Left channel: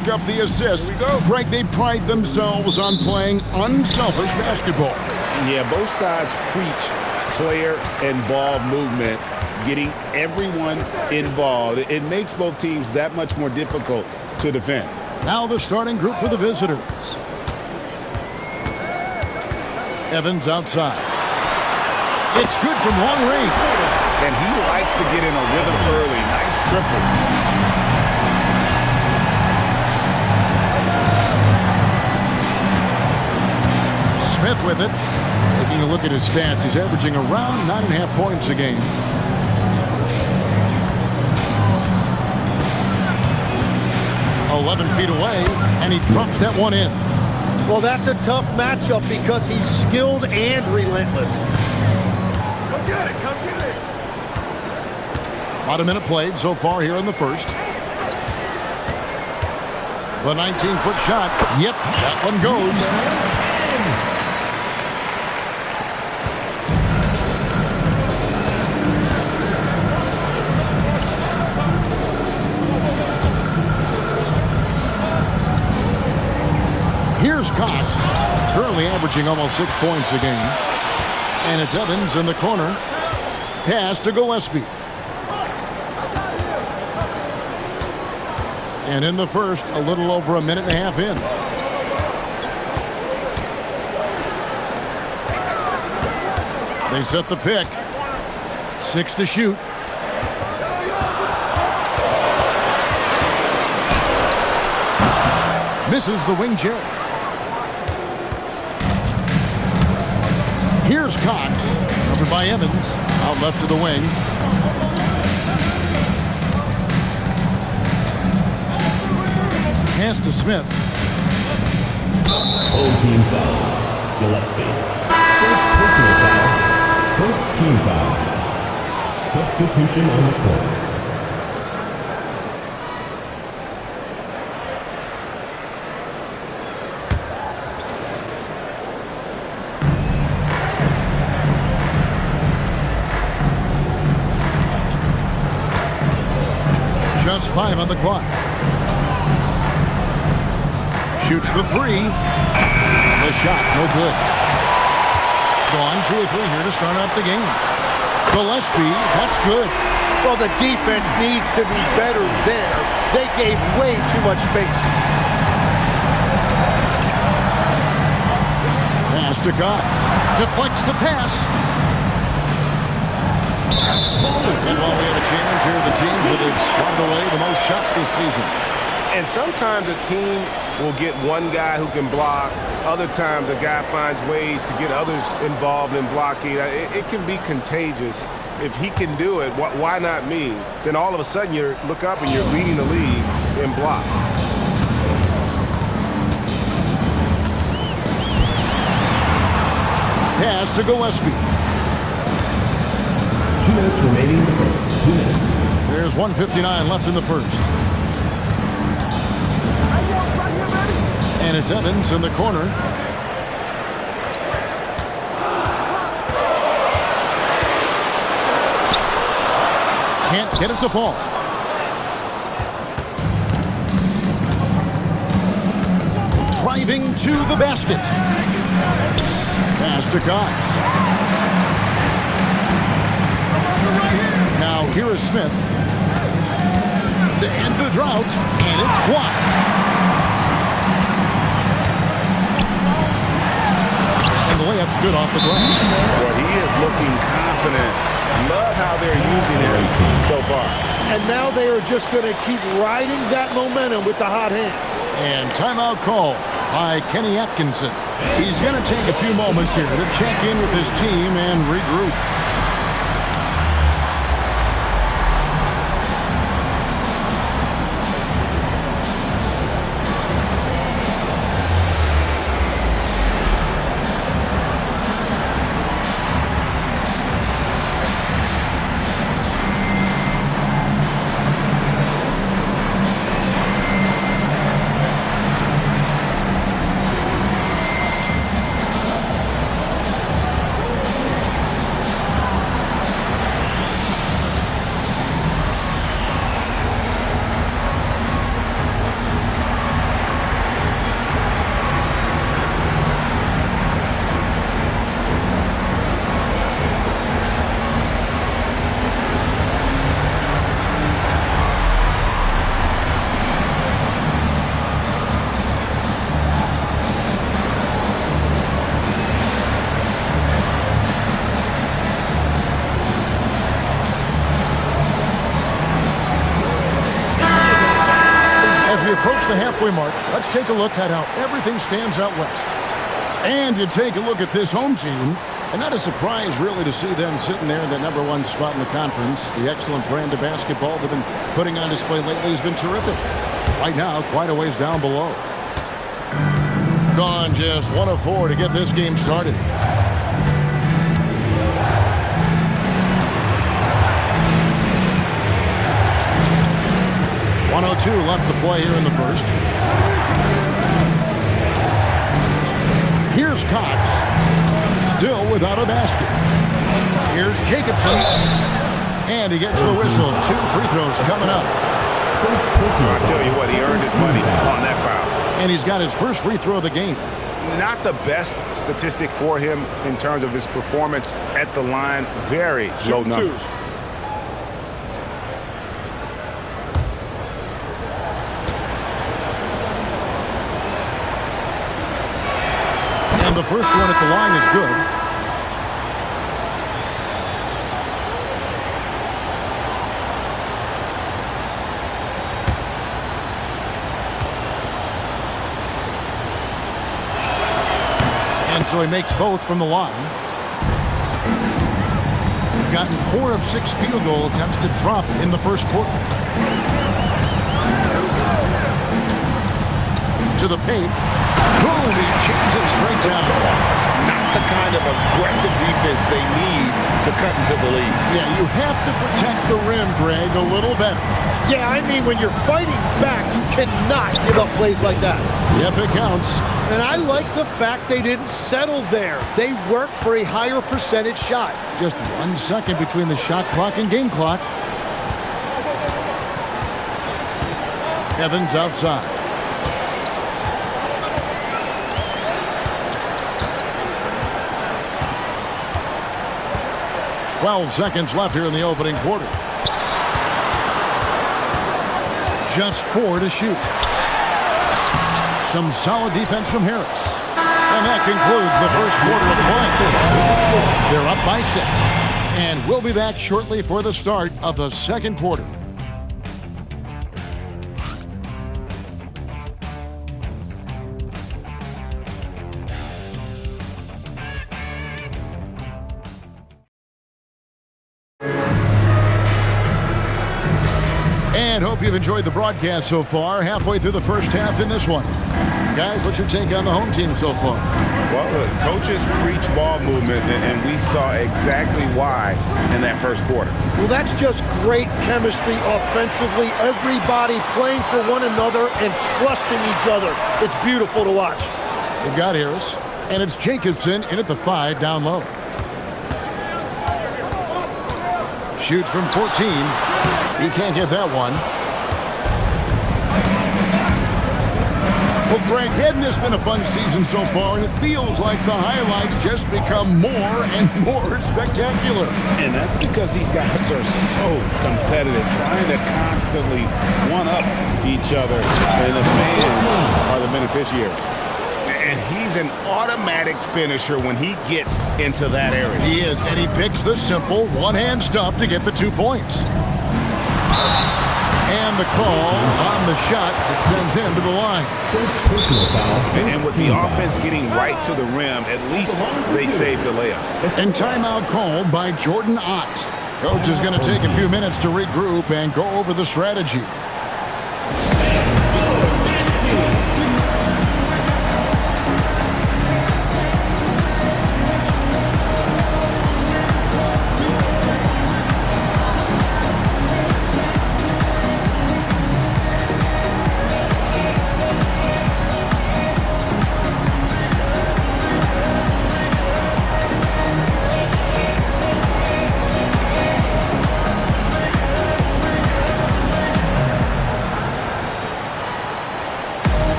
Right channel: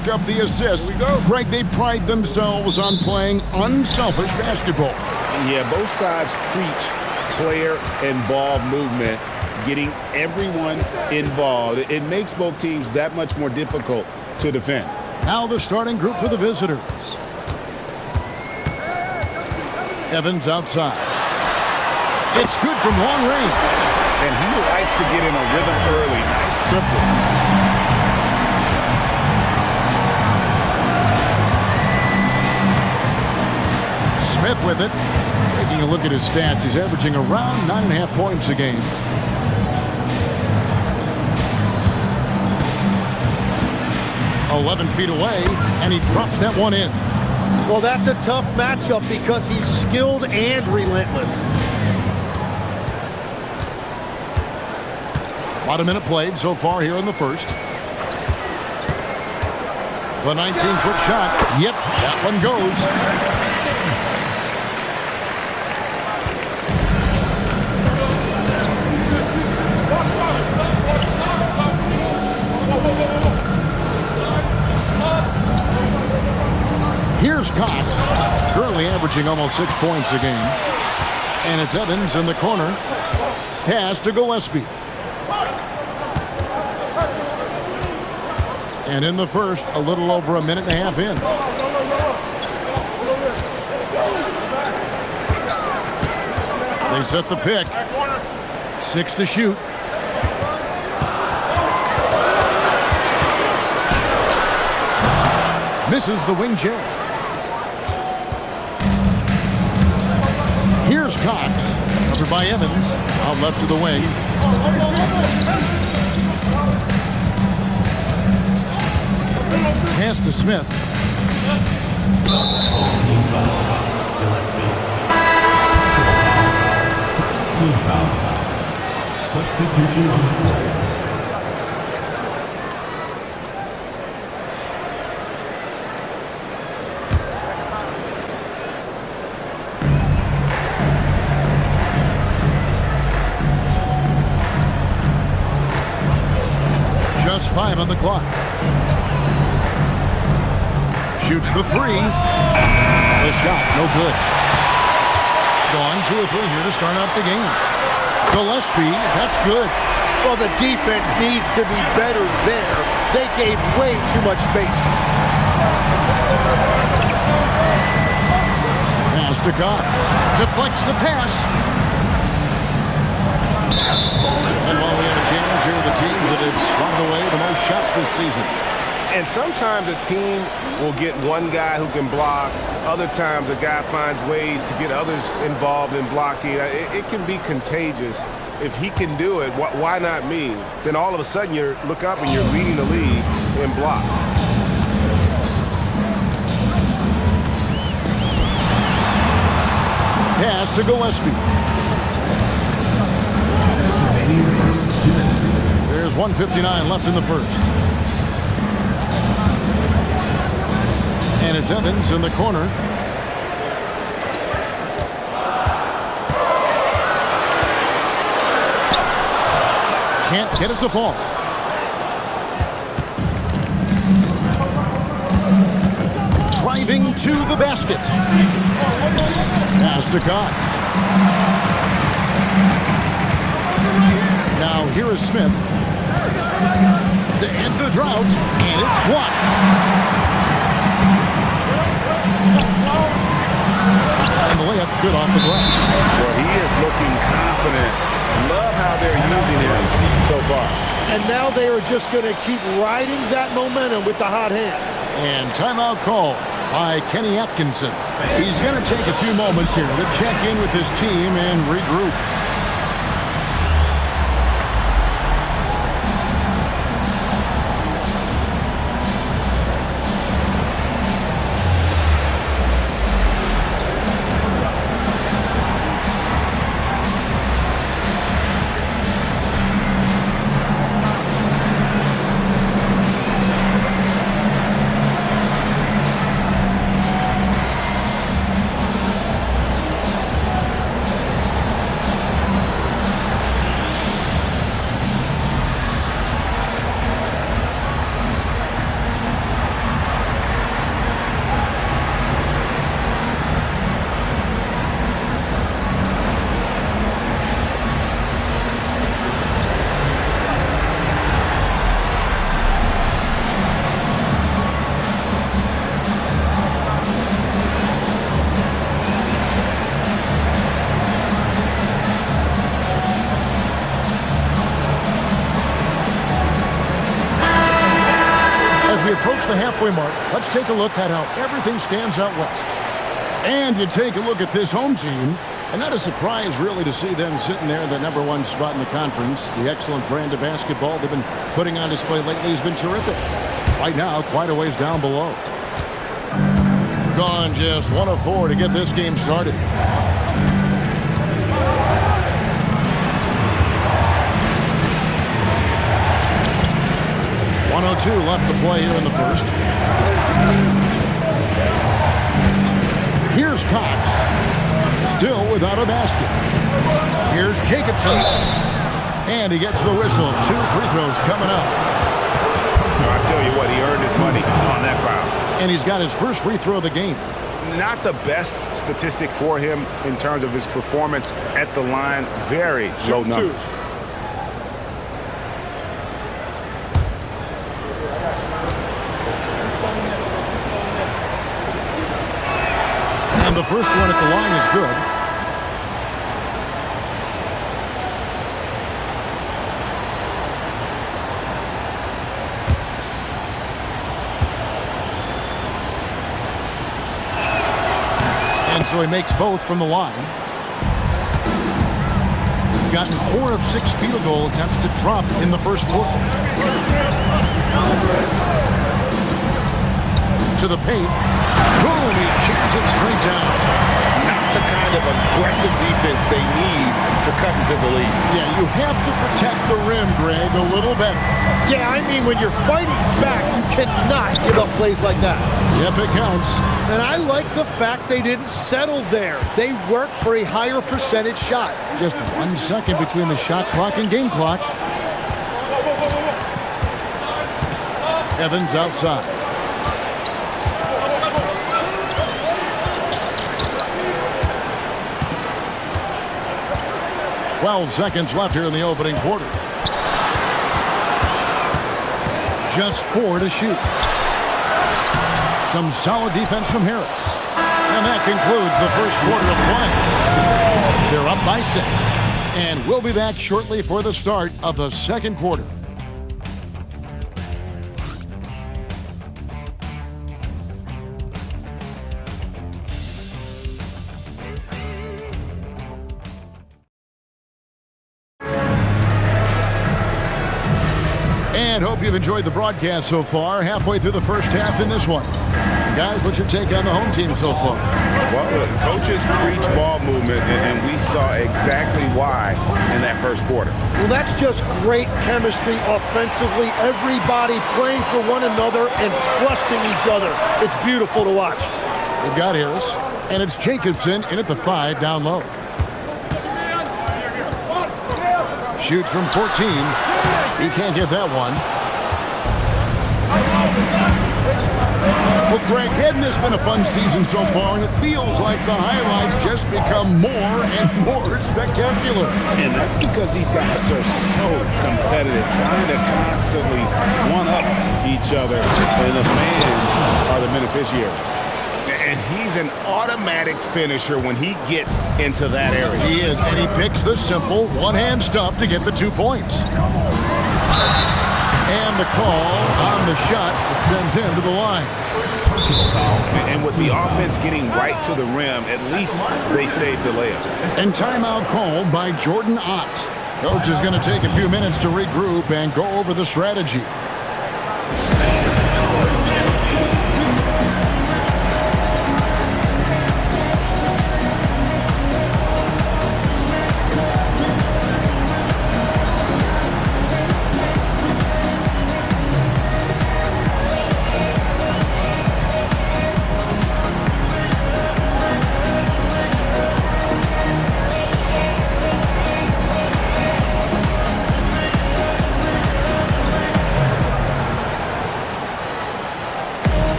rack up the assists. Here we go. Greg, they pride themselves on playing unselfish basketball. Yeah, both sides preach player and ball movement, getting everyone involved. It makes both teams that much more difficult to defend. Now the starting group for the visitors. Evans outside. It's good from long range. And he likes to get in a rhythm early. Nice triple. Smith with it. Taking a look at his stats, he's averaging around 9.5 points a game. "11 feet away, and he drops that one in. Well, that's a tough matchup because he's skilled and relentless. About a minute played so far here in the first. The 19-foot shot. Yep, that one goes. Here's Cox, currently averaging almost 6 points a game. And it's Evans in the corner. Pass to Gillespie. And in the first, a little over a minute and a half in. They set the pick. 6 to shoot. Misses the wing chair. Here's Cox, covered by Evans, out left to the wing. Pass to Smith. Whole team foul. Gillespie. First personal foul. First team foul. Substitution on the court. Just 5 on the clock. Shoots the three. The shot, no good. Gone 2 or 3 here to start out the game. Gillespie, that's good. Well, the defense needs to be better there. They gave way too much space. Pass to Cox. Deflects the pass. And while we have a chance here, the teams that have swatted away the most shots this season. And sometimes a team will get one guy who can block. Other times a guy finds ways to get others involved in blocking. It can be contagious. If he can do it, why not me? Then all of a sudden you look up and you're leading the league in block. Pass to Gillespie. 2 minutes remaining in the first. 2 minutes. There's 1:59 left in the first. And it's Evans in the corner. Can't get it to fall. Driving to the basket. Pass to Cox. Now here is Smith. To end the drought, and it's blocked. And the layup's good off the glass. Well, he is looking confident. Love how they're using him so far. And now they are just going to keep riding that momentum with the hot hand. And timeout call by Kenny Atkinson. He's going to take a few moments here to check in with his team and regroup. As we approach the halfway mark, let's take a look at how everything stands out west. And you take a look at this home team, and not a surprise really to see them sitting there in the #1 spot in the conference. The excellent brand of basketball they've been putting on display lately has been terrific. Right now, quite a ways down below. Gone just 1 of 4 to get this game started. .102 left to play here in the first. Here's Cox. Still without a basket. Here's Jacobson. And he gets the whistle. 2 free throws coming up. I tell you what, he earned his money on that foul. And he's got his first free throw of the game. Not the best statistic for him in terms of his performance at the line. Very low numbers. And the first one at the line is good. And so he makes both from the line. Gotten 4 of 6 field goal attempts to drop in the first quarter. To the paint. Boom, he jams it straight down. Not the kind of aggressive defense they need to cut into the lead. Yeah, you have to protect the rim, Greg, a little better. Yeah, I mean, when you're fighting back, you cannot give up plays like that. Yep, it counts. And I like the fact they didn't settle there. They worked for a higher percentage shot. Just 1 second between the shot clock and game clock. Evans outside. .12 seconds left here in the opening quarter. Just 4 to shoot. Some solid defense from Harris. And that concludes the first quarter of play. They're up by 6. And we'll be back shortly for the start of the second quarter. And hope you've enjoyed the broadcast so far. Halfway through the first half in this one. Guys, what's your take on the home team so far? Well, the coaches preach ball movement, and we saw exactly why in that first quarter. Well, that's just great chemistry offensively. Everybody playing for one another and trusting each other. It's beautiful to watch. They've got Harris, and it's Jacobson in at the 5 down low. Shoots from 14. He can't get that one. Well, Greg, hadn't this been a fun season so far? And it feels like the highlights just become more and more spectacular. And that's because these guys are so competitive, trying to constantly one-up each other. And the fans are the beneficiaries. And he's an automatic finisher when he gets into that area. He is, and he picks the simple one-hand stuff to get the 2 points. And the call on the shot that sends him to the line. First personal foul. And with the offense getting right to the rim, at least they saved the layup. And timeout called by Jordan Ott. Coach is going to take a few minutes to regroup and go over the strategy.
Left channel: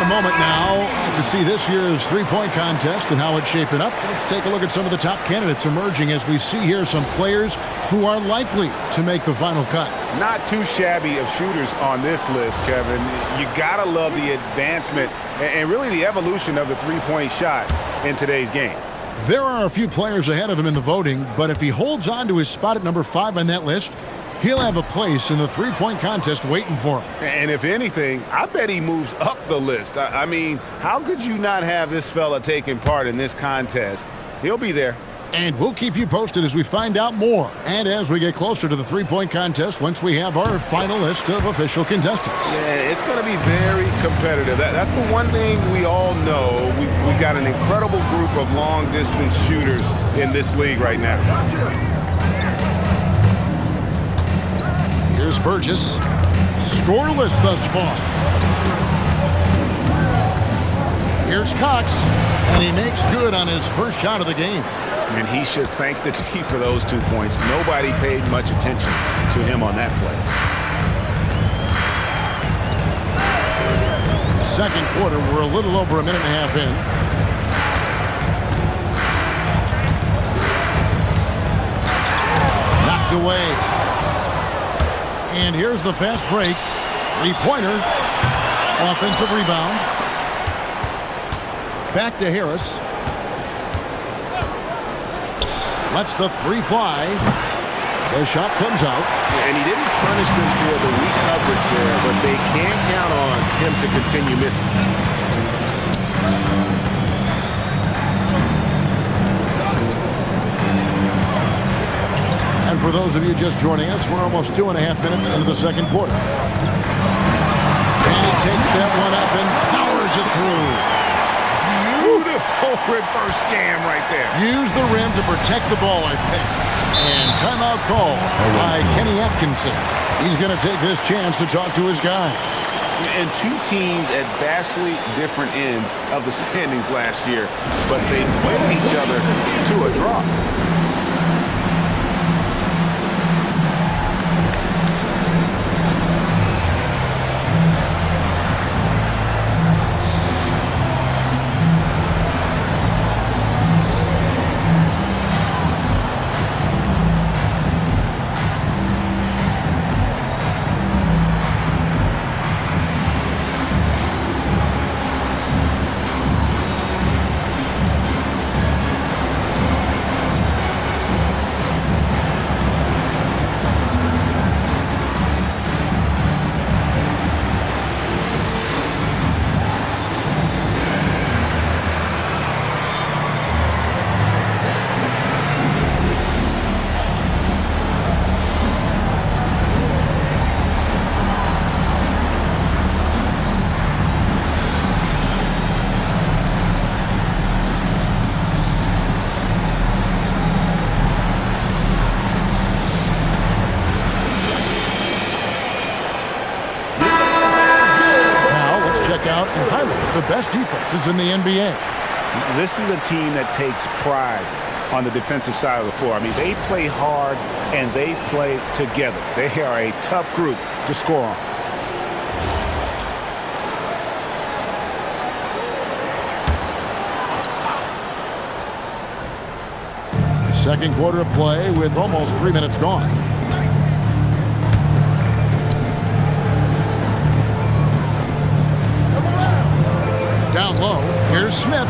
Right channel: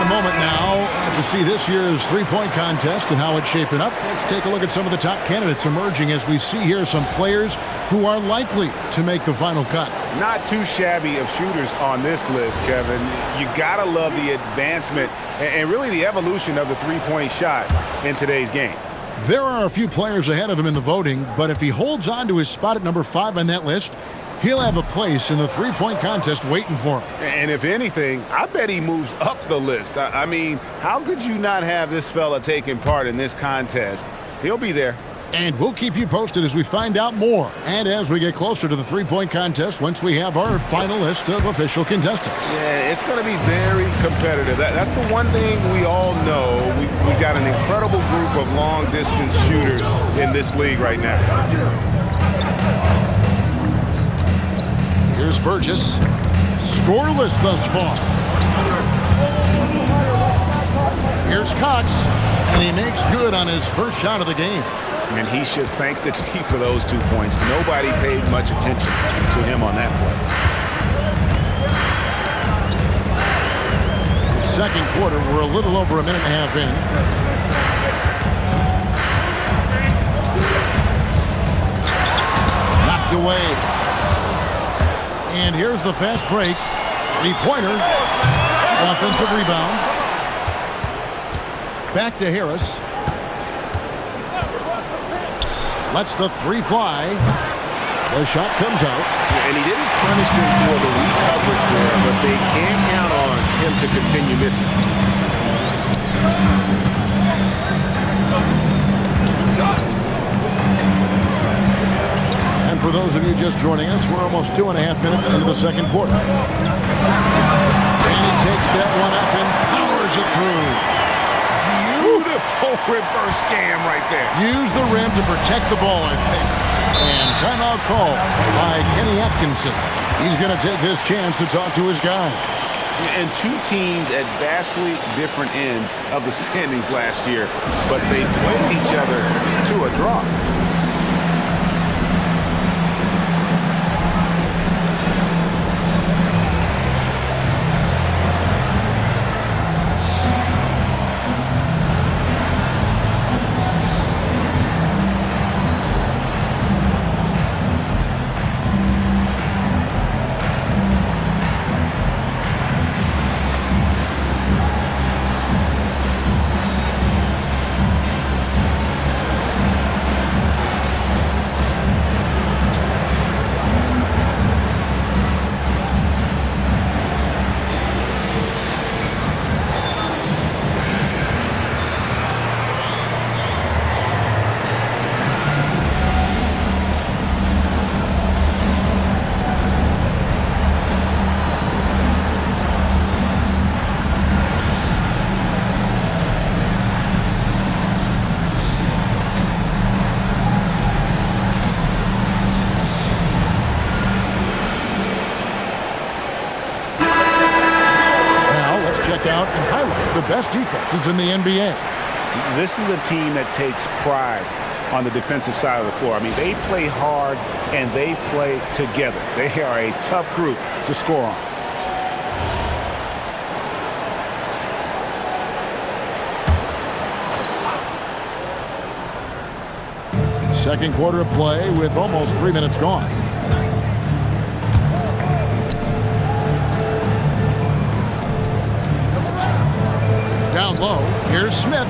got a moment now to see this year's three-point contest and how it's shaping up. Let's take a look at some of the top candidates emerging as we see here some players who are likely to make the final cut. Not too shabby of shooters on this list, Kevin. You got to love the advancement and really the evolution of the three-point shot in today's game. There are a few players ahead of him in the voting, but if he holds on to his spot at number 5 on that list, he'll have a place in the three-point contest waiting for him. And if anything, I bet he moves up the list. I mean, how could you not have this fella taking part in this contest? He'll be there. And we'll keep you posted as we find out more and as we get closer to the three-point contest once we have our final list of official contestants. Yeah, it's going to be very competitive. That's the one thing we all know. We've got an incredible group of long-distance shooters in this league right now. Here's Burgess. Scoreless thus far. Here's Cox, and he makes good on his first shot of the game. And he should thank the team for those 2 points. Nobody paid much attention to him on that play. Second quarter, we're a little over a minute and a half in. Knocked away. And here's the fast break. Three-pointer. Offensive rebound. Back to Harris. Lets the three fly. The shot comes out. And he didn't punish them for the weak coverage there, but they can't count on him to continue missing. And for those of you just joining us, we're almost 2.5 minutes into the second quarter. And he takes that one up and powers it through. Beautiful reverse jam right there. Use the rim to protect the ball, I think. And timeout call by Kenny Atkinson. He's going to take this chance to talk to his guy. And two teams at vastly different ends of the standings last year, but they played each other to a draw. Check out and highlight the best defenses in the NBA. This is a team that takes pride on the defensive side of the floor. I mean, they play hard and they play together. They are a tough group to score on. Second quarter of play with almost 3 minutes gone. Down low, here's Smith.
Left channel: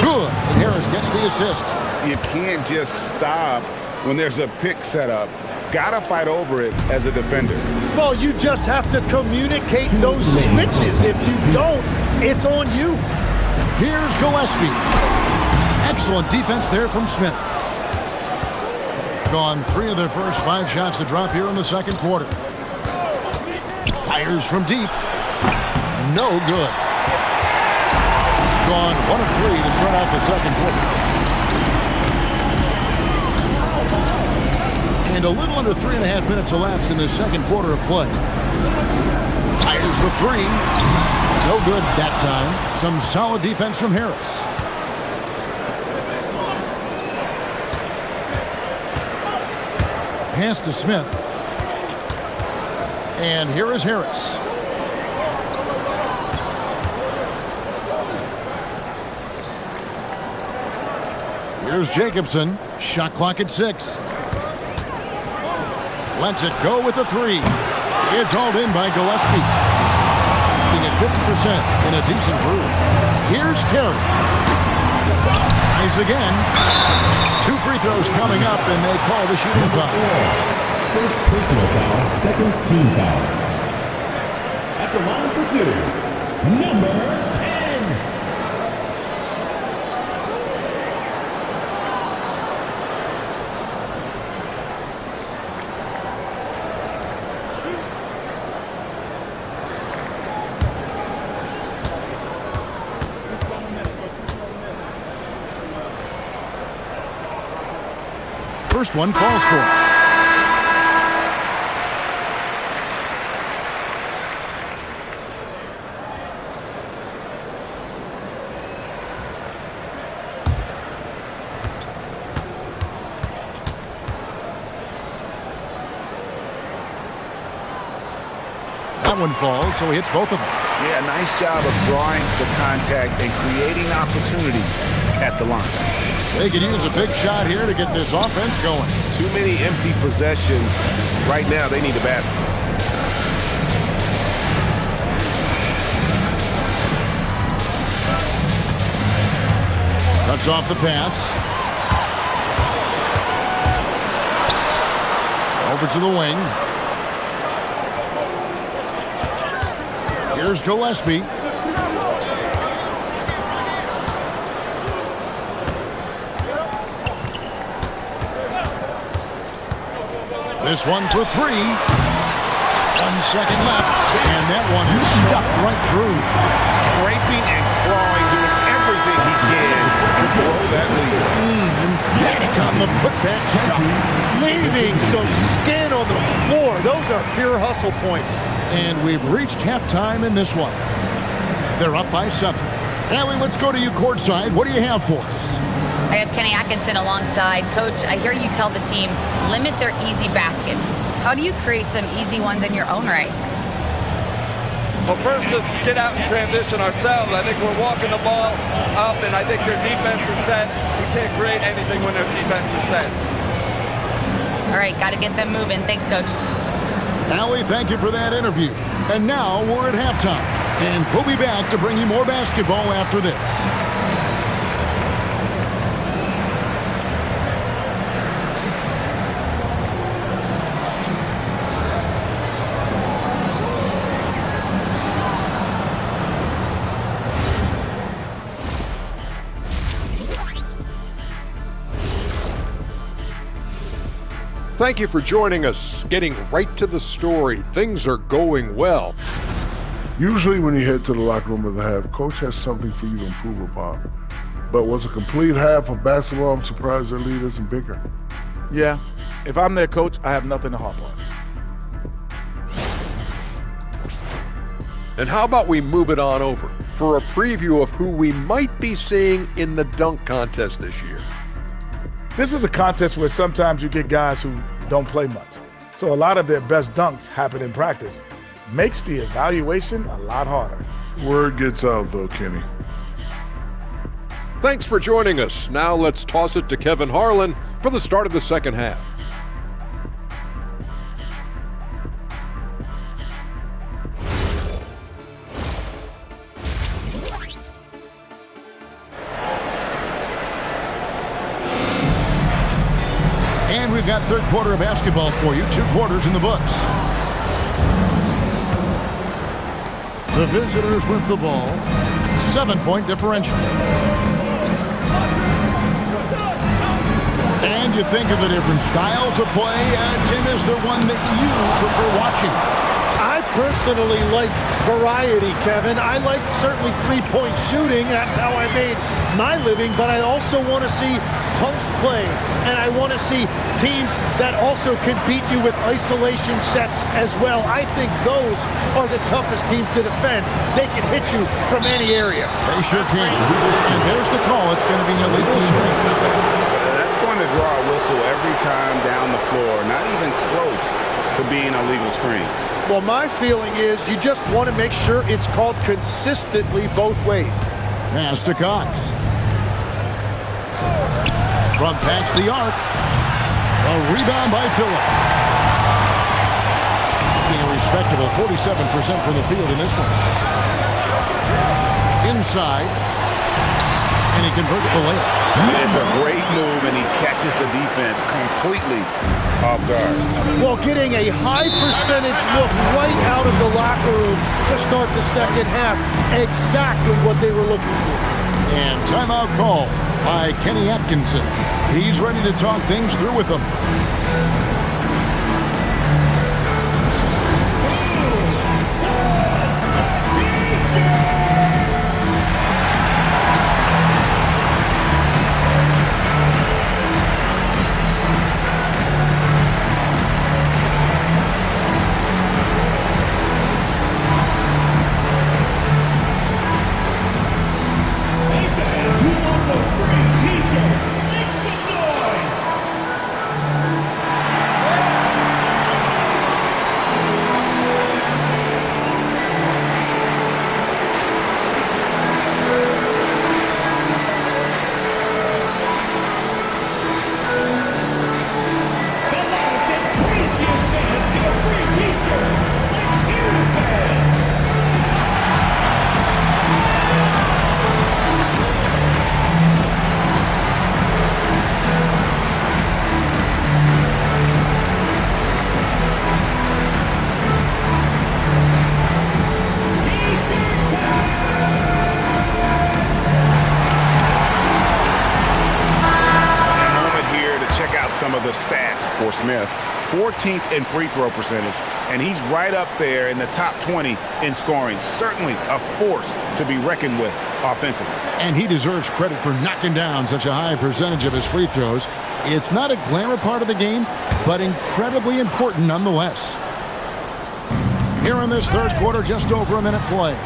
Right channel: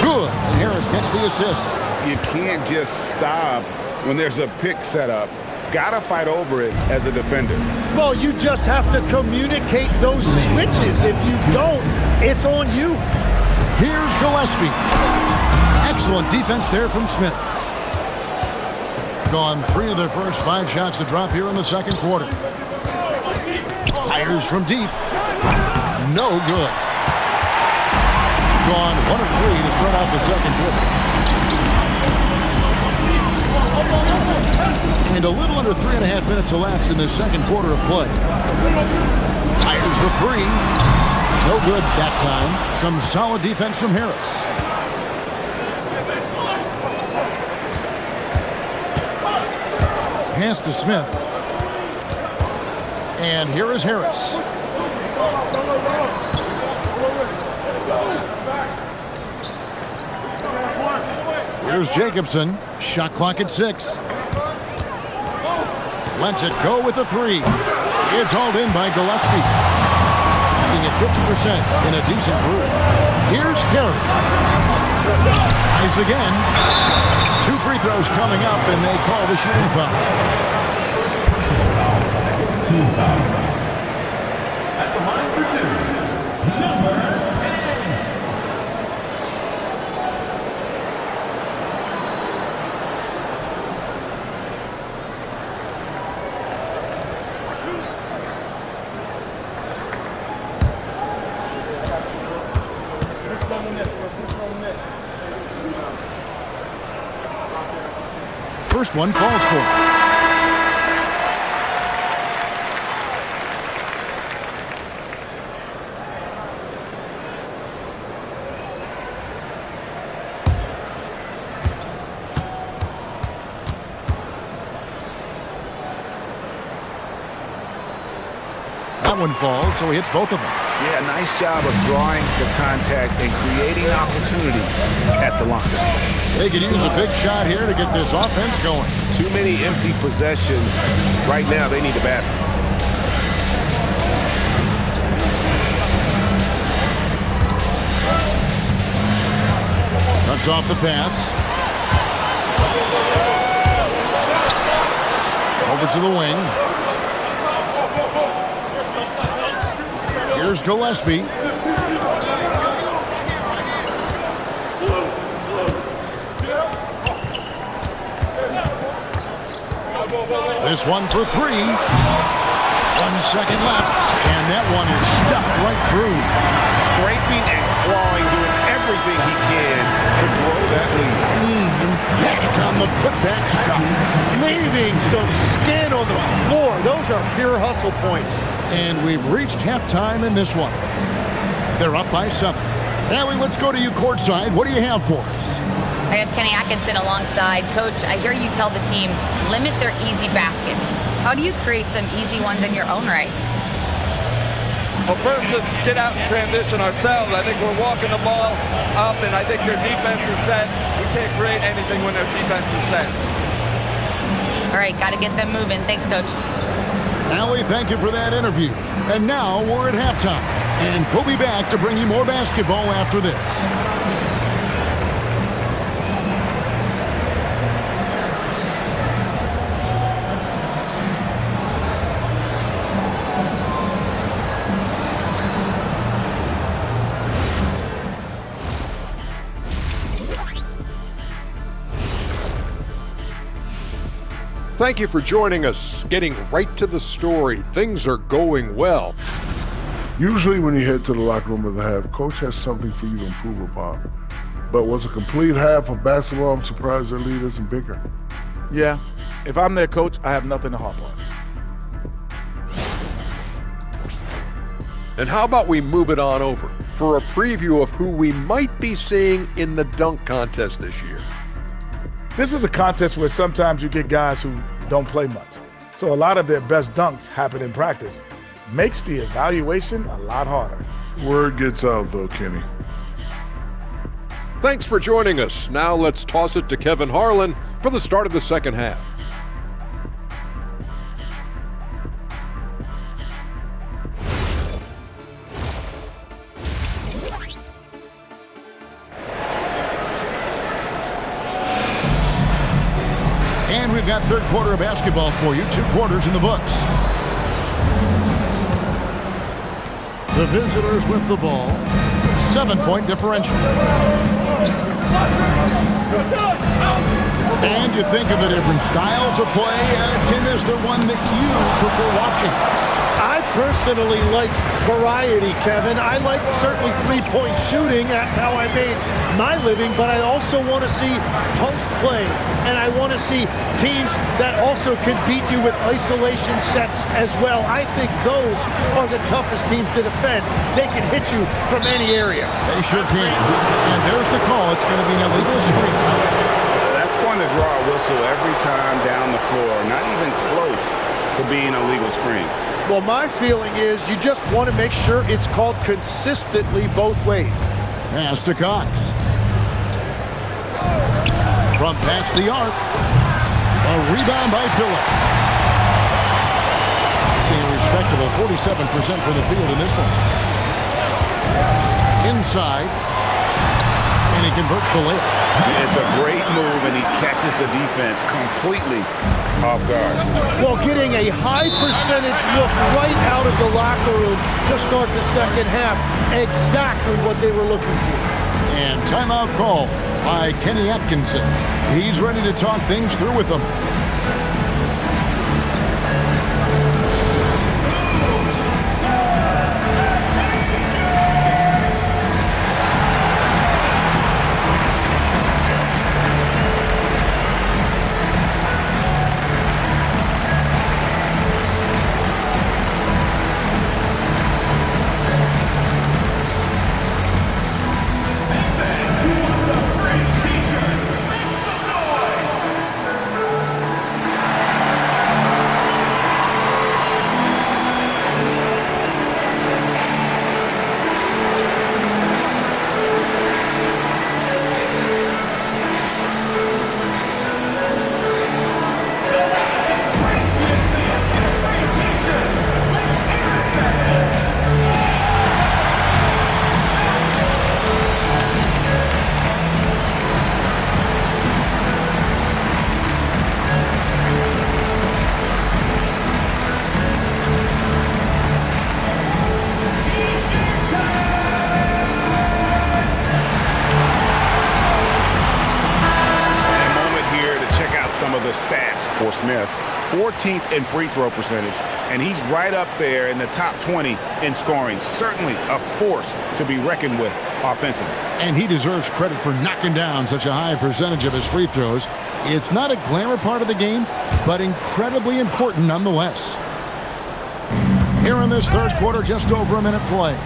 Good, and Harris gets the assist. You can't just stop when there's a pick set up. Gotta fight over it as a defender. Well, you just have to communicate those switches. If you don't, it's on you. Here's Gillespie. Excellent defense there from Smith. Gone 3 of their first 5 shots to drop here in the second quarter. Fires from deep. No good. Gone 1 of 3 to start out the second quarter. And a little under 3.5 minutes elapsed in the second quarter of play. Fires the 3. No good that time. Some solid defense from Harris. Pass to Smith. And here is Harris. Here's Jacobson. Shot clock at 6. Lets it go with a 3. It's hauled in by Gillespie. Being at 50% in a decent groove. Here's Carey. Tries again. 2 free throws coming up, and they call the shooting foul. First personal foul, second team foul. At the line for 2, number 10. First one falls for it. That one falls, so he hits both of them. Yeah, nice job of drawing the contact and creating opportunities at the line. They could use a big shot here to get this offense going. Too many empty possessions. Right now, they need a basket. Cuts off the pass. Over to the wing. Here's Gillespie. This one for 3. 1 second left, and that one is stuffed right through. Scraping and clawing, doing everything he can to grow that lead. Emphatic on the putback stuff. Leaving some skin on the floor. Those are pure hustle points. And we've reached halftime in this one. They're up by 7. Allie, let's go to you courtside. What do you have for us? I have Kenny Atkinson alongside. Coach, I hear you tell the team, limit their easy baskets. How do you create some easy ones in your own right? Well, first, to get out and transition ourselves. I think we're walking the ball up, and I think their defense is set. We can't create anything when their defense is set. All right, got to get them moving. Thanks, Coach. Allie, thank you for that interview. And now we're at halftime. And we'll be back to bring you more basketball after this. Thank you for joining us. Getting right to the story. Things are going well. Usually when you head to the locker room of the half, coach has something for you to improve upon. But what's a complete half of basketball, I'm surprised their lead isn't bigger. Yeah, if I'm their coach, I have nothing to harp on. And how about we move it on over for a preview of who we might be seeing in the dunk contest this year. This is a contest where sometimes you get guys who don't play much. So a lot of their best dunks happen in practice. Makes the evaluation a lot harder. Word gets out, though, Kenny. Thanks for joining us. Now let's toss it to Kevin Harlan for the start of the second half. And we've got third quarter of basketball for you. 2 quarters in the books. The visitors with the ball. 7-point differential. And you think of the different styles of play. Tim, is there one that you prefer watching? I personally like variety, Kevin. I like certainly three-point shooting. That's how I made my living. But I also want to see post play. And I want to see teams that also can beat you with isolation sets as well. I think those are the toughest teams to defend. They can hit you from any area. They sure can. And there's the call. It's going to be an illegal screen. That's going to draw a whistle every time down the floor. Not even close to being a legal screen. Well, my feeling is you just want to make sure it's called consistently both ways. Pass to Cox. From past the arc. A rebound by Phillips. Being a respectable 47% from the field in this one. Inside. And he converts the layup. It's a great move, and he catches the defense completely off guard. Well, getting a high percentage look right out of the locker room to start the second half. Exactly what they were looking for. And timeout call by Kenny Atkinson. He's ready to talk things through with them. Some of the stats for Smith. 14th in free throw percentage, and he's right up there in the top 20 in scoring. Certainly a force to be reckoned with offensively. And he deserves credit for knocking down such a high percentage of his free throws. It's not a glamour part of the game, but incredibly important nonetheless. Here in this third quarter, just over a minute play.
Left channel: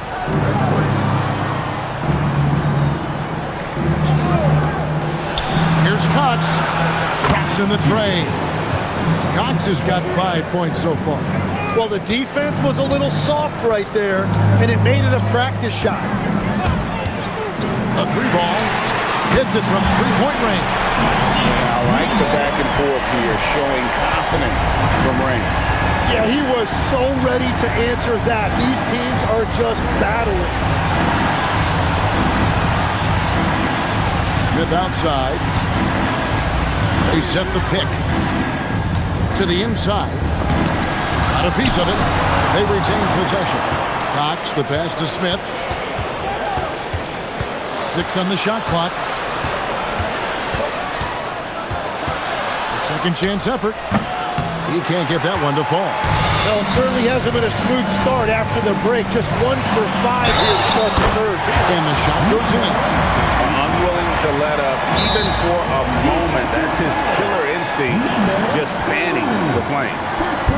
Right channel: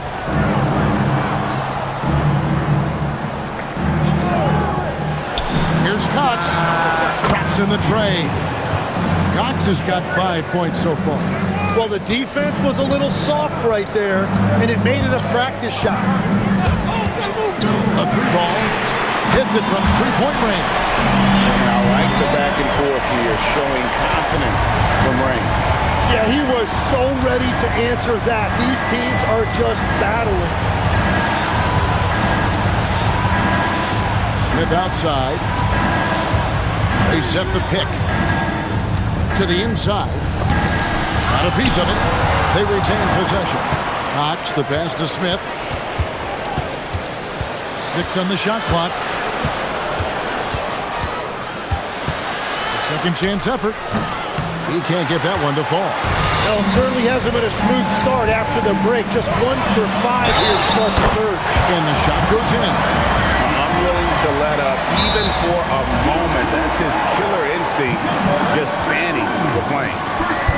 Here's Cox. Traps in the tray. Cox has got 5 points so far. Well, the defense was a little soft right there, and it made it a practice shot. A three ball. Hits it from three-point range. And I like the back and forth here, showing confidence from range. Yeah, he was so ready to answer that. These teams are just battling. Smith outside. They set the pick to the inside. Got a piece of it. They retain possession. Cox, the pass to Smith. 6 on the shot clock. A second chance effort. He can't get that one to fall. No, it certainly hasn't been a smooth start after the break. Just 1 for 5 here to start the third. And the shot goes in. Unwilling to let up even for a moment. That's his killer instinct, just fanning the flame.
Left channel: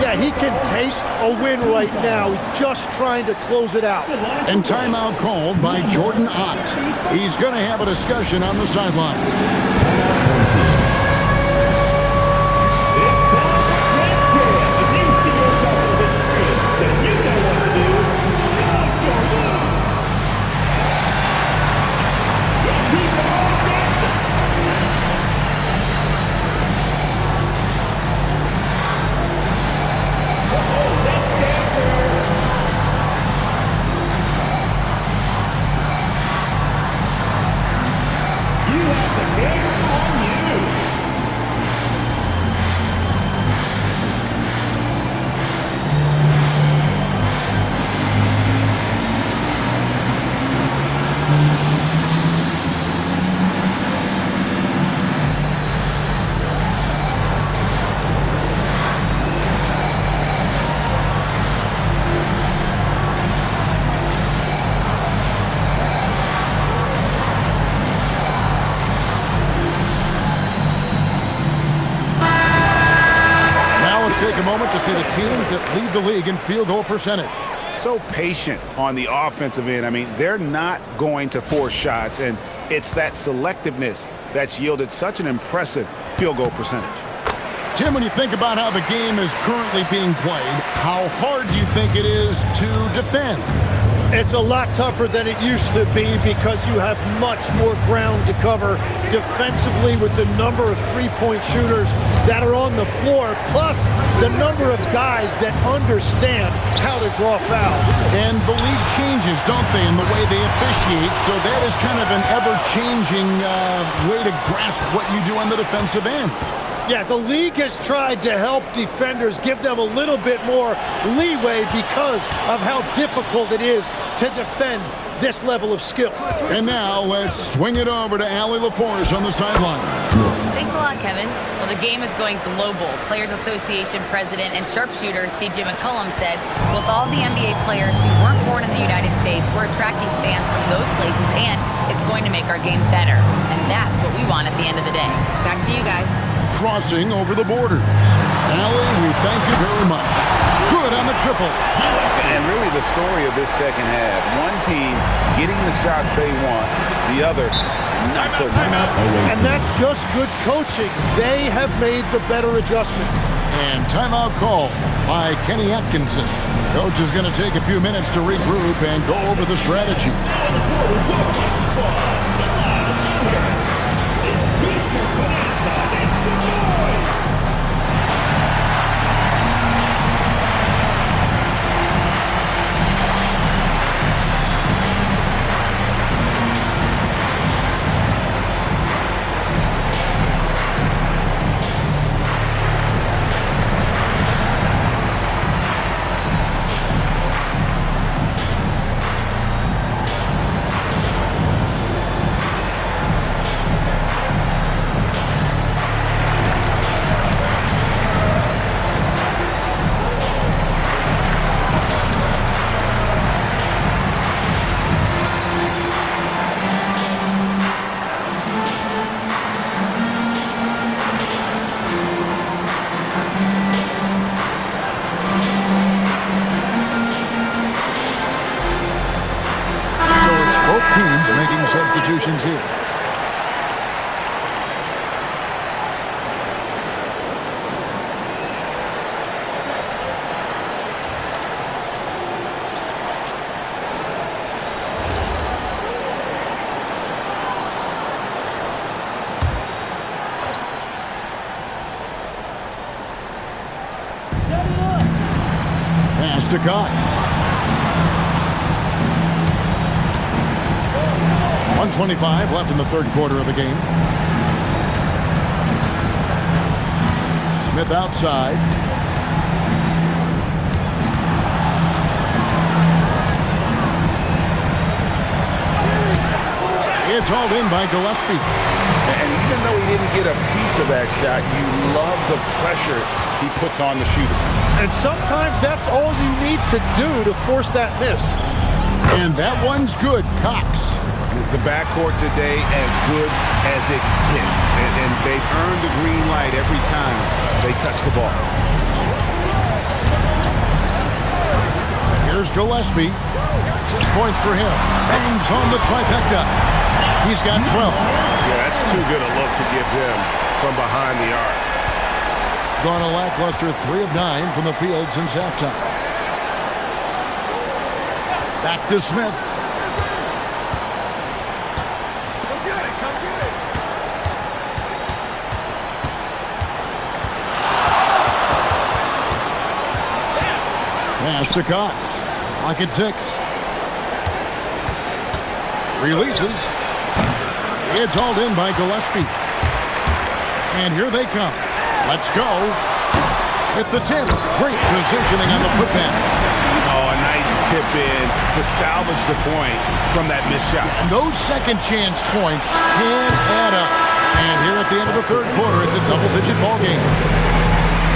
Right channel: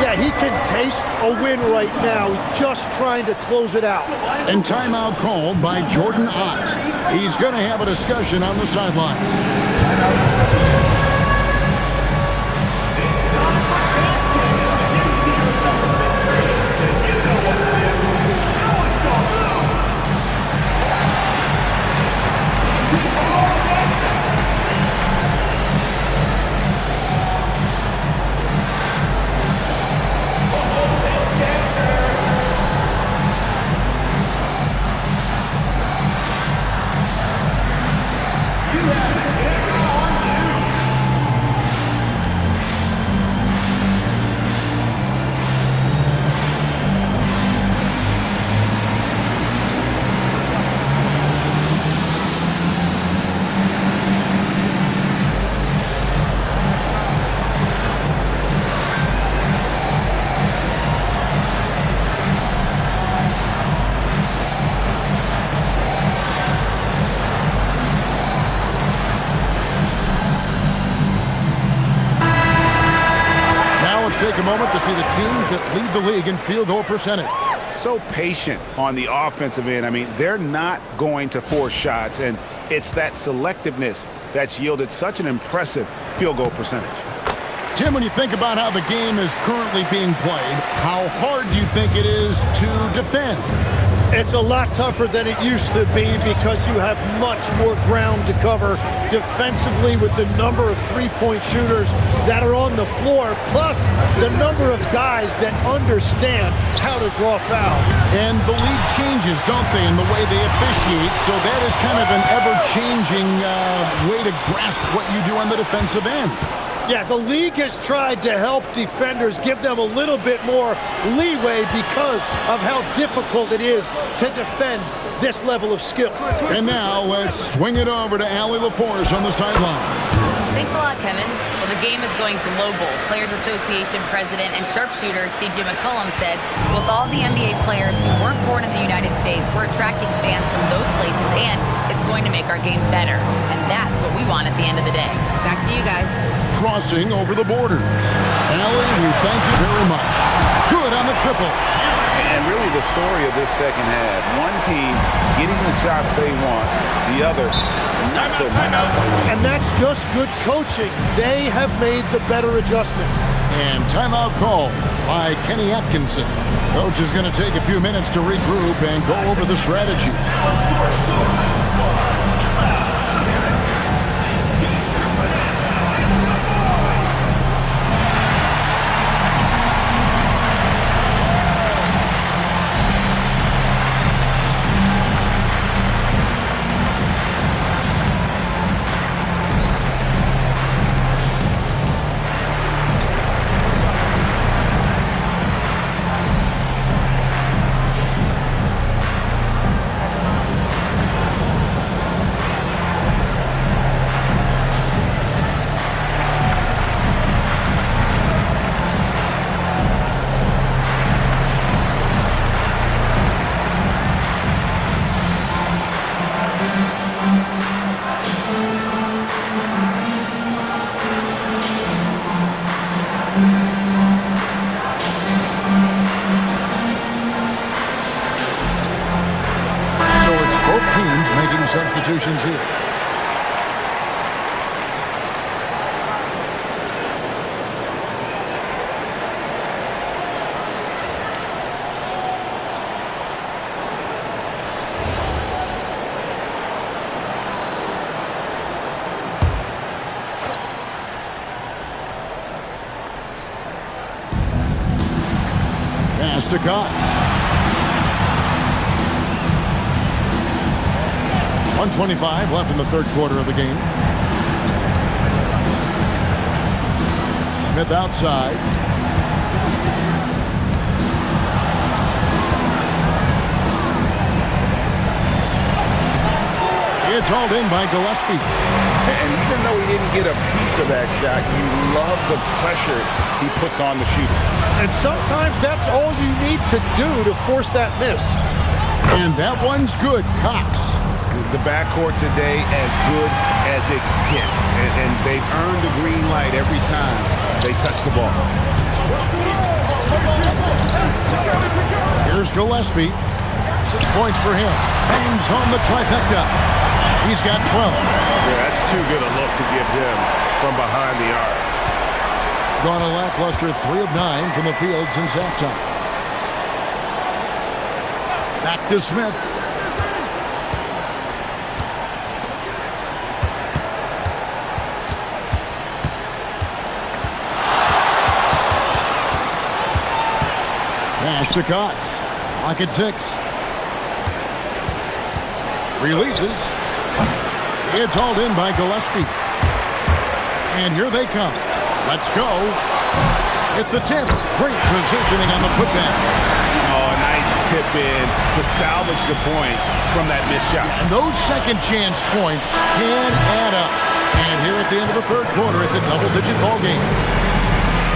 Yeah, he can taste a win right now. He's just trying to close it out. And timeout called by Jordan Ott. He's going to have a discussion on the sideline. Let's take a moment to see the teams that lead the league in field goal percentage. So patient on the offensive end. I mean, they're not going to force shots, and it's that selectiveness that's yielded such an impressive field goal percentage. Tim, when you think about how the game is currently being played, how hard do you think it is to defend? It's a lot tougher than it used to be because you have much more ground to cover defensively with the number of three-point shooters that are on the floor, plus the number of guys that understand how to draw fouls. And the league changes, don't they, in the way they officiate, so that is kind of an ever-changing way to grasp what you do on the defensive end. Yeah, the league has tried to help defenders, give them a little bit more leeway because of how difficult it is to defend this level of skill. And now let's swing it over to Allie LaForce on the sidelines. Thanks a lot, Kevin. Well, the game is going global. Players Association president and sharpshooter C.J. McCollum said, with all the NBA players who weren't born in the United States, we're attracting fans from those places, and it's going to make our game better. And that's what we want at the end of the day. Back to you guys. Crossing over the borders. Allie, we thank you very much. Good on the triple. And really the story of this second half, one team getting the shots they want, the other not so much. And that's just good coaching. They have made the better adjustments. And timeout call by Kenny Atkinson. Coach is going to take a few minutes to regroup and go over the strategy. Both teams making substitutions here. Pass to Cox. 1:25 left in the third quarter of the game. Smith outside. It's hauled in by Gillespie. And even though he didn't get a piece of that shot, you love the pressure he puts on the shooter. And sometimes that's all you need to do to force that miss. And that one's good. Cox. The backcourt today as good as it gets. And they've earned the green light every time they touch the ball. Here's Gillespie. 6 points for him. Bangs home the trifecta. He's got 12. Yeah, that's too good a look to give them from behind the arc. Gone a lackluster 3 of 9 from the field since halftime. Back to Smith. Pass to Cox. Clock at 6. Releases. It's hauled in by Gillespie. And here they come. Let's go. With the tip. Great positioning on the putback. Oh, a nice tip in to salvage the points from that missed shot. And those second chance points can add up. And here at the end of the third quarter, it's a double-digit ball game.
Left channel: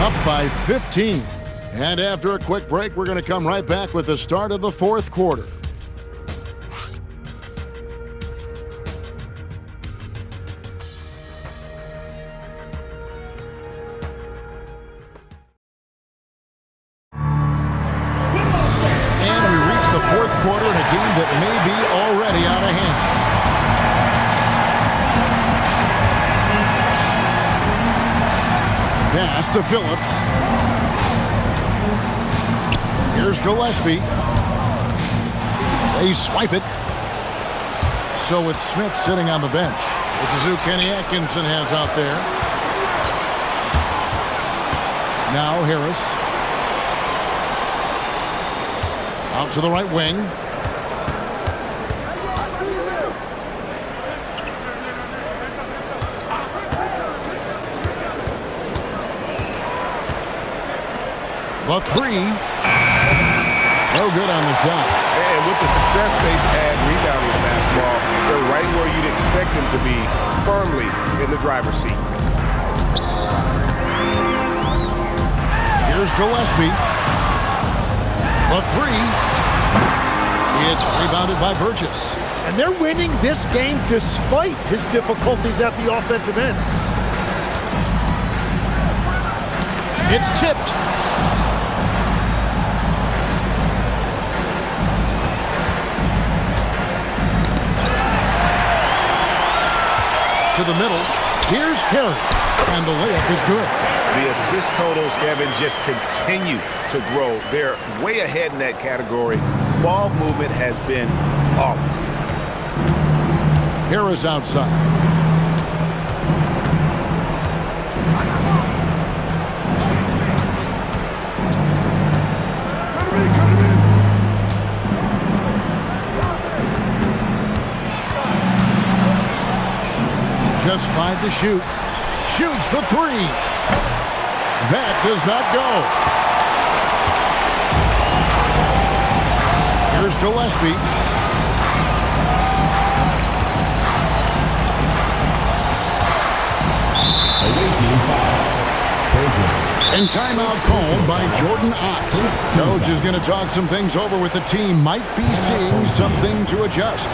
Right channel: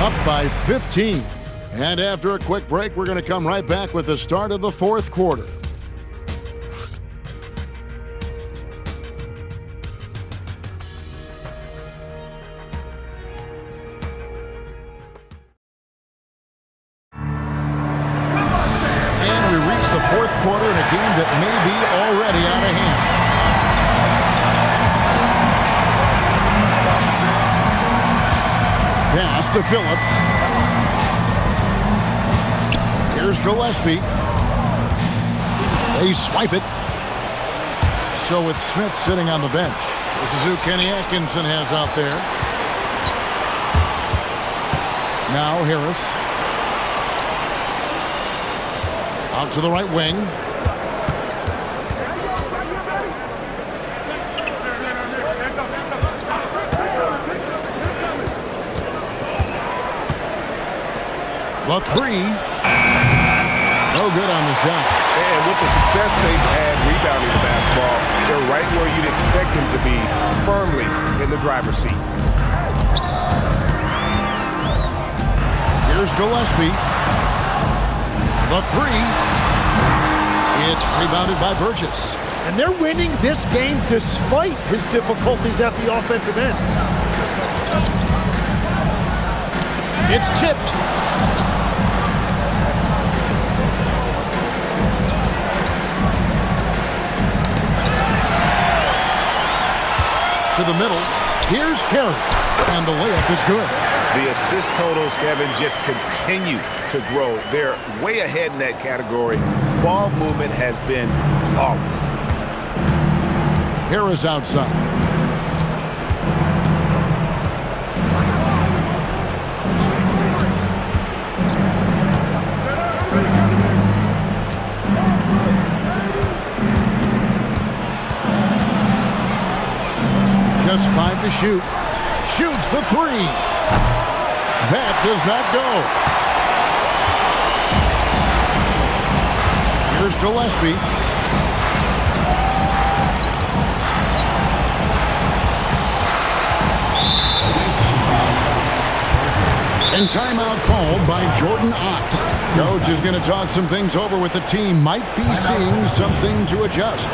Up by 15. And after a quick break, we're going to come right back with the start of the fourth quarter. And we reach the fourth quarter in a game that may be already out of hand. Pass to Phillips. Here's Gillespie. They swipe it. So with Smith sitting on the bench, this is who Kenny Atkinson has out there. Now Harris. Out to the right wing. The three. No good on the shot. And with the success they've had rebounding the basketball, they're right where you'd expect them to be, firmly in the driver's seat. Here's Gillespie. The three. It's rebounded by Burgess. And they're winning this game despite his difficulties at the offensive end. It's tipped. To the middle. Here's Carey. And the layup is good. The assist totals, Kevin, just continue to grow. They're way ahead in that category. Ball movement has been flawless. Harris outside. Just 5 to shoot. Shoots the three. That does not go. Here's Gillespie. And timeout called by Jordan Ott. Coach is going to talk some things over with the team. Might be seeing something to adjust.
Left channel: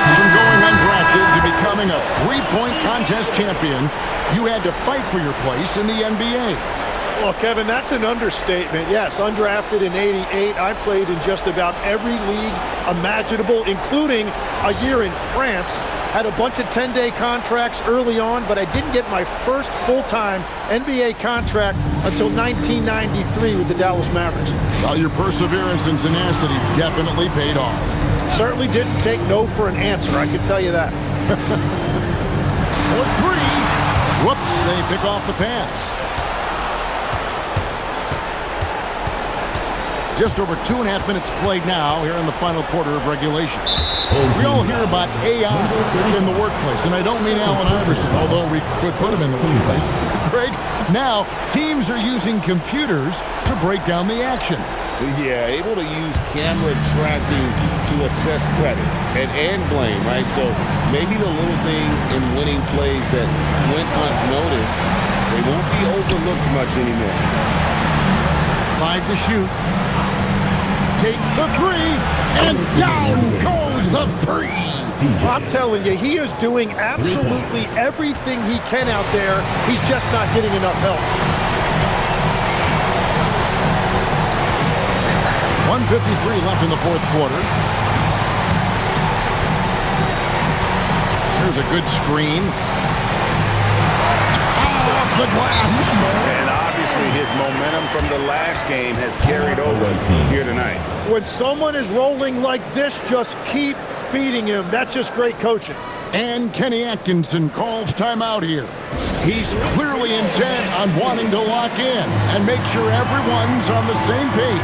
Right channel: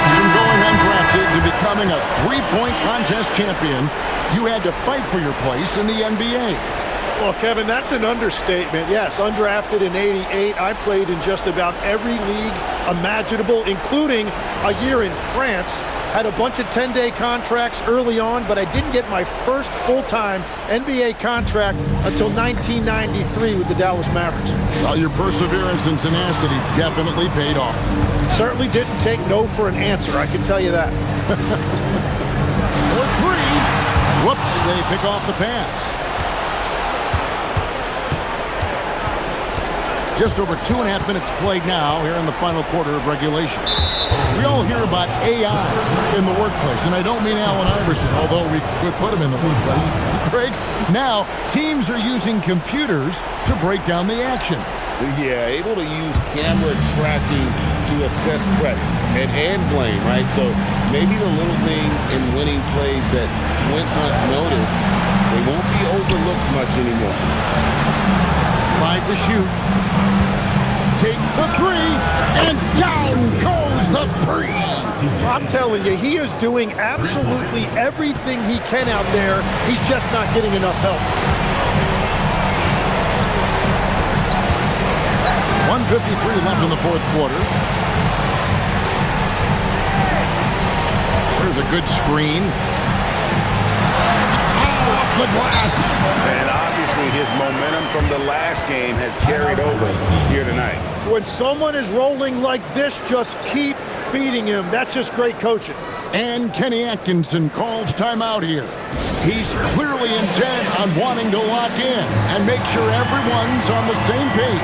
From going undrafted to becoming a three-point contest champion, you had to fight for your place in the NBA. Well, Kevin, that's an understatement. Yes, undrafted in '88. I played in just about every league imaginable, including a year in France. Had a bunch of 10-day contracts early on, but I didn't get my first full-time NBA contract until 1993 with the Dallas Mavericks. Well, your perseverance and tenacity definitely paid off. Certainly didn't take no for an answer, I can tell you that. For three. Whoops, they pick off the pass. Just over 2.5 minutes played now here in the final quarter of regulation. We all hear about AI in the workplace, and I don't mean Allen Iverson, although we could put him in the workplace. Greg, now teams are using computers to break down the action. Yeah, able to use camera tracking to assess credit and blame, right? So maybe the little things in winning plays that went unnoticed, they won't be overlooked much anymore. 5 to shoot. Takes the three, and down goes the three. I'm telling you, he is doing absolutely everything he can out there. He's just not getting enough help. 1:53 left in the fourth quarter. There's a good screen. off the glass. And obviously his momentum from the last game has carried over here tonight. When someone is rolling like this, just keep feeding him. That's just great coaching. And Kenny Atkinson calls timeout here. He's clearly intent on wanting to lock in and make sure everyone's on the same page.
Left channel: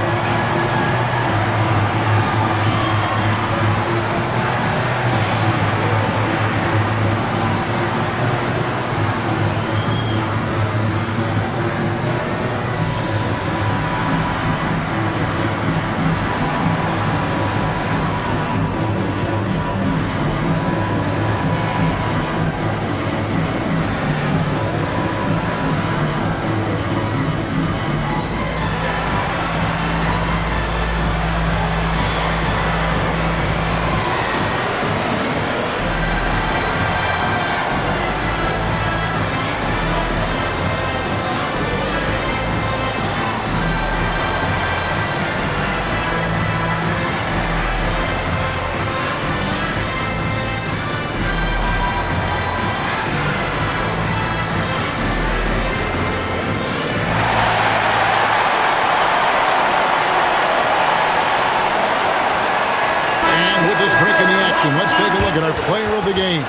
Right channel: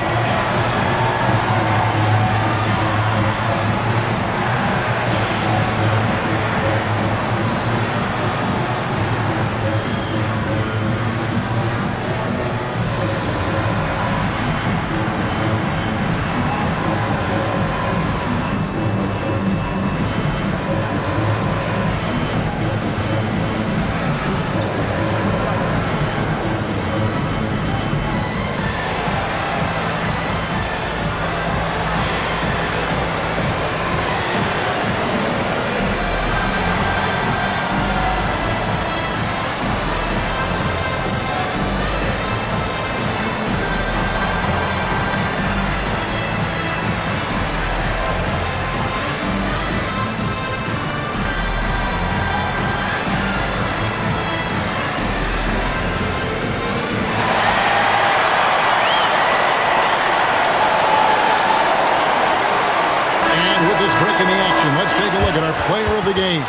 With this break in the action, let's take a look at our player of the game.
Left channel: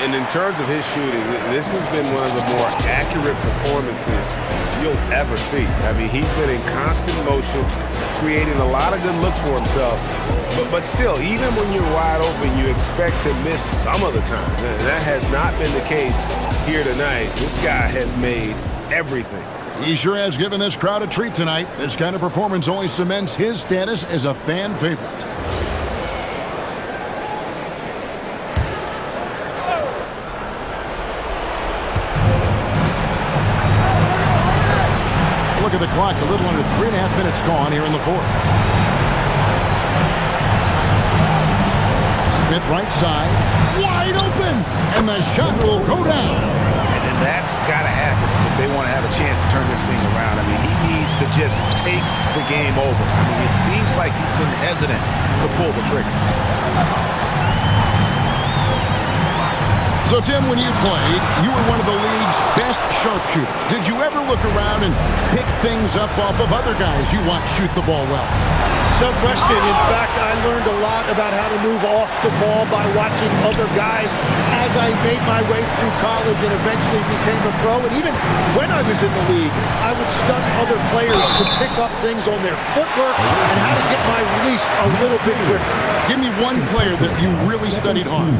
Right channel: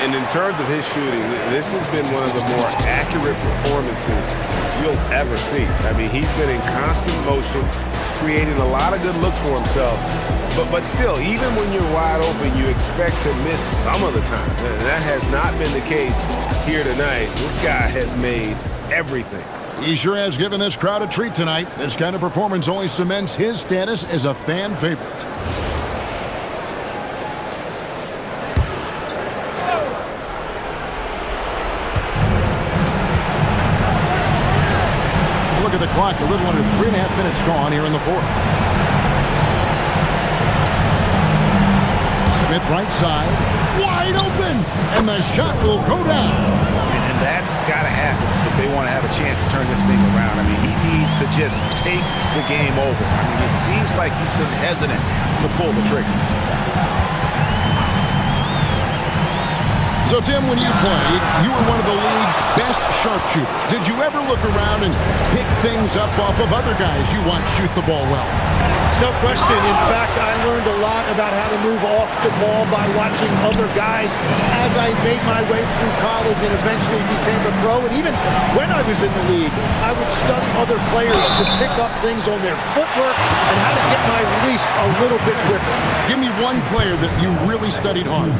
And in terms of his shooting, this has been one of the more accurate performances you'll ever see. I mean, he's been in constant motion, creating a lot of good looks for himself. But still, even when you're wide open, you expect to miss some of the time. That has not been the case here tonight. This guy has made everything. He sure has given this crowd a treat tonight. This kind of performance only cements his status as a fan favorite. Look at the clock, a little under 3.5 minutes gone here in the fourth. Smith right side, wide open, and the shot will go down. And that's got to happen if they want to have a chance to turn this thing around. I mean, he needs to just take the game over. I mean, it seems like he's been hesitant to pull the trigger. So, Tim, when you played, you were one of the league's best sharpshooters. Did you ever look around and pick things up off of other guys you watch shoot the ball well? No question. In fact, I learned a lot about how to move off the ball by watching other guys as I made my way through college and eventually became a pro. And even when I was in the league, I would study other players to pick up things on their footwork and how to get my release a little bit quicker. Give me one player that you really studied hard.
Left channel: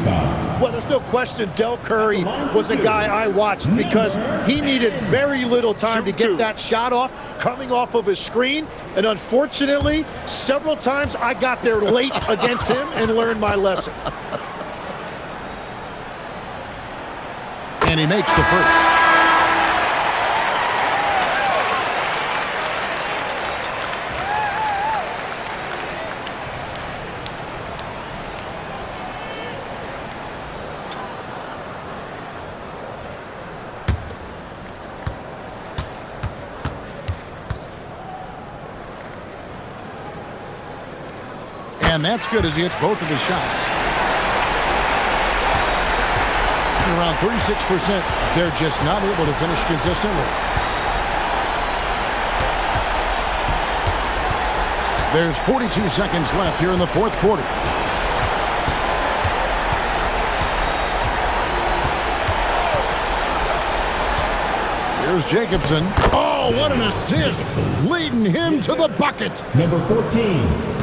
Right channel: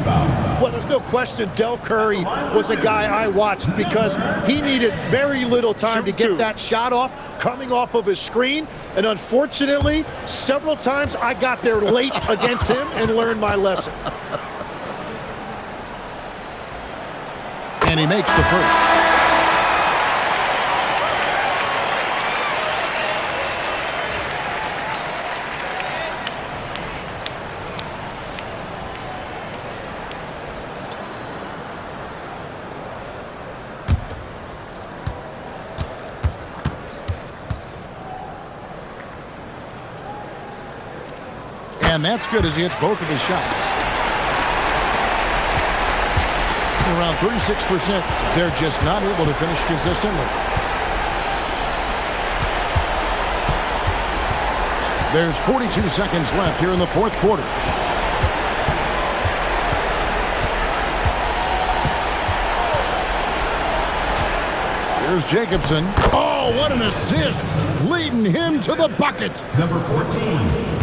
Well, there's no question Del Curry was the guy I watched because he needed very little time to get that shot off coming off of his screen. And unfortunately, several times I got there late against him and learned my lesson. And he makes the first. And that's good as he hits both of his shots. Around 36%, they're just not able to finish consistently. There's 42 seconds left here in the fourth quarter. Here's Jacobson. Oh, what an assist! Leading him to the bucket. Number 14.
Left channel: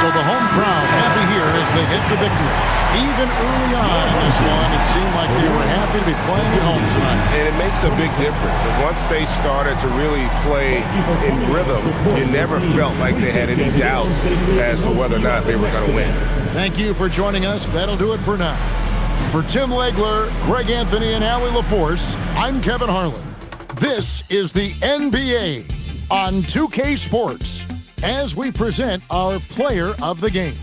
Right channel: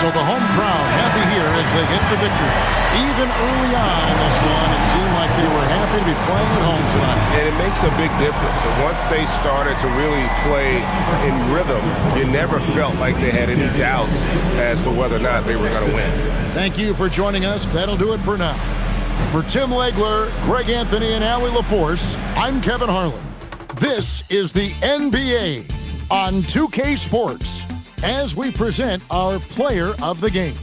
So the home crowd happy here as they get the victory. Even early on in this one, it seemed like they were happy to be playing at home tonight. And it makes a big difference. And once they started to really play in rhythm, you never felt like they had any doubts as to whether or not they were going to win. Thank you for joining us. That'll do it for now. For Tim Legler, Greg Anthony, and Allie LaForce, I'm Kevin Harlan. This is the NBA. on 2K Sports as we present our player of the game.